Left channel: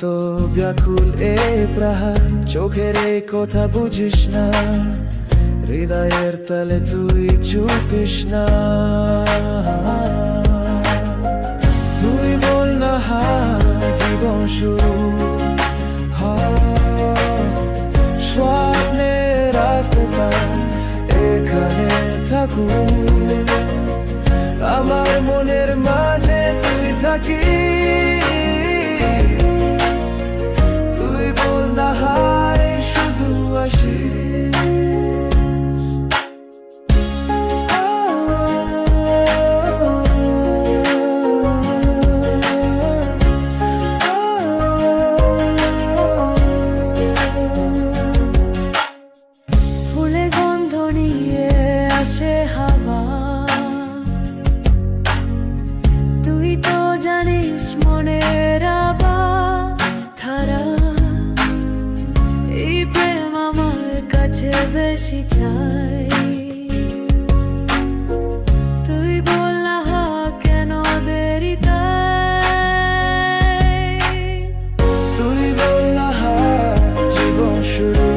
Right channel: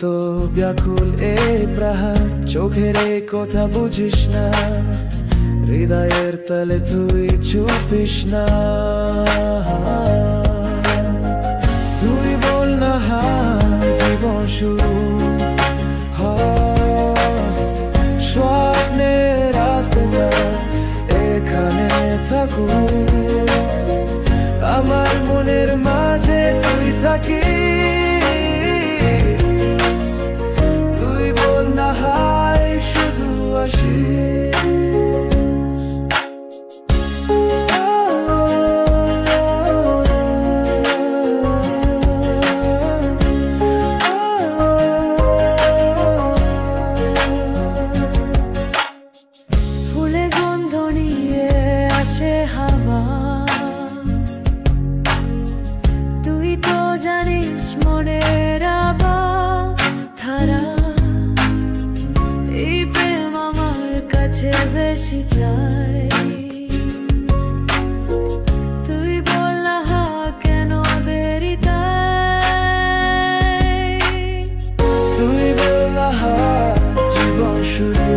তো ব্যাকুল এ প্রহার, চোখের এই কথা বুঝিস না, হৃদয়ের তলে তুই চুপিস না। তুই বল না জীবন শুরু স্বপ্নের রাস্তাটা এখানে থাকুক, আমার মনের মাঝে তুই থাকিস। তুই বল না শুধু আসিস। ফুলে গন্ধ নিয়ে আসে হাওয়া, তুই তো জানিস মনের ধারা, এই প্রেম আমার কাছে বেশি চাই। তুই বল না কেন দেরি তাই, তুই বল না জীবন শুরু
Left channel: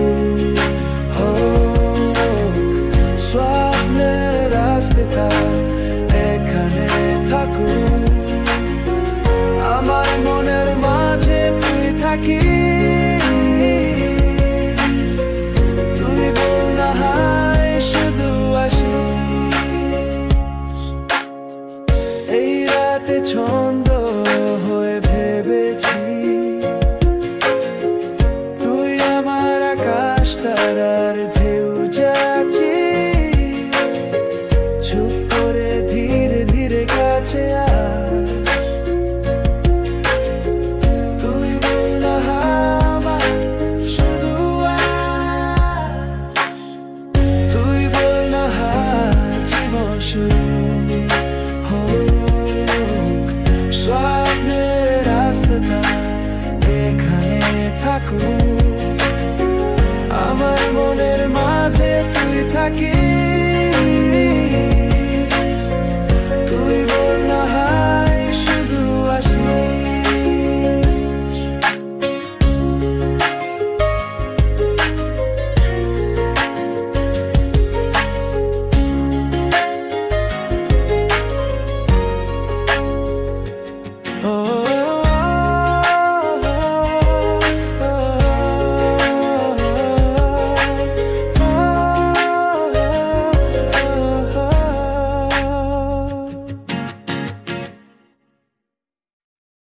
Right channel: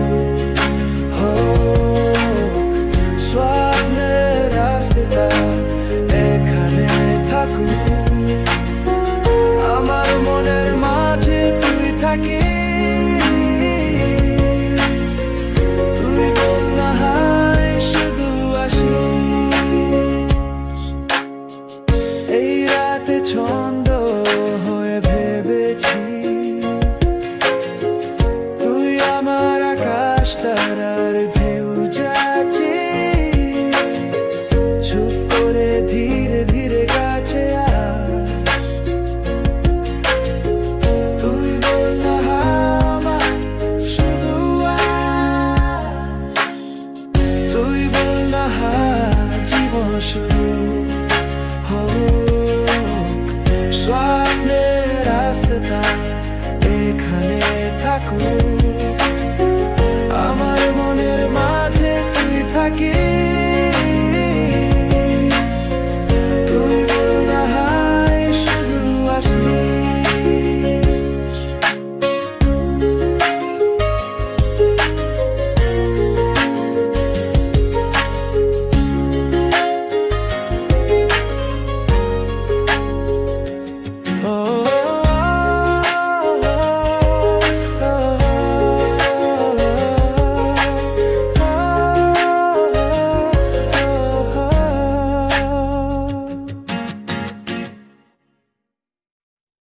হোক, স্বপ্নের রাস্তাটা এখানে থাকুক, আমার মনের মাঝে তুই থাকিস। তুই বল না শুধু আসিস। এই রাতে ছন্দ হয়ে ভেবেছি, তুই আমার আকাশ তারার ঢেউ যাচ্ছি, চুপ করে ধীরে ধীরে কাছে আস। তুই বল না আমার শুধু আস। তুই বল না জীবন শুরু হোক, স্বপ্নের রাস্তাটা এখানে থাকুক, আমার মনের মাঝে তুই থাকিস। তুই বল না শুধু আসিস।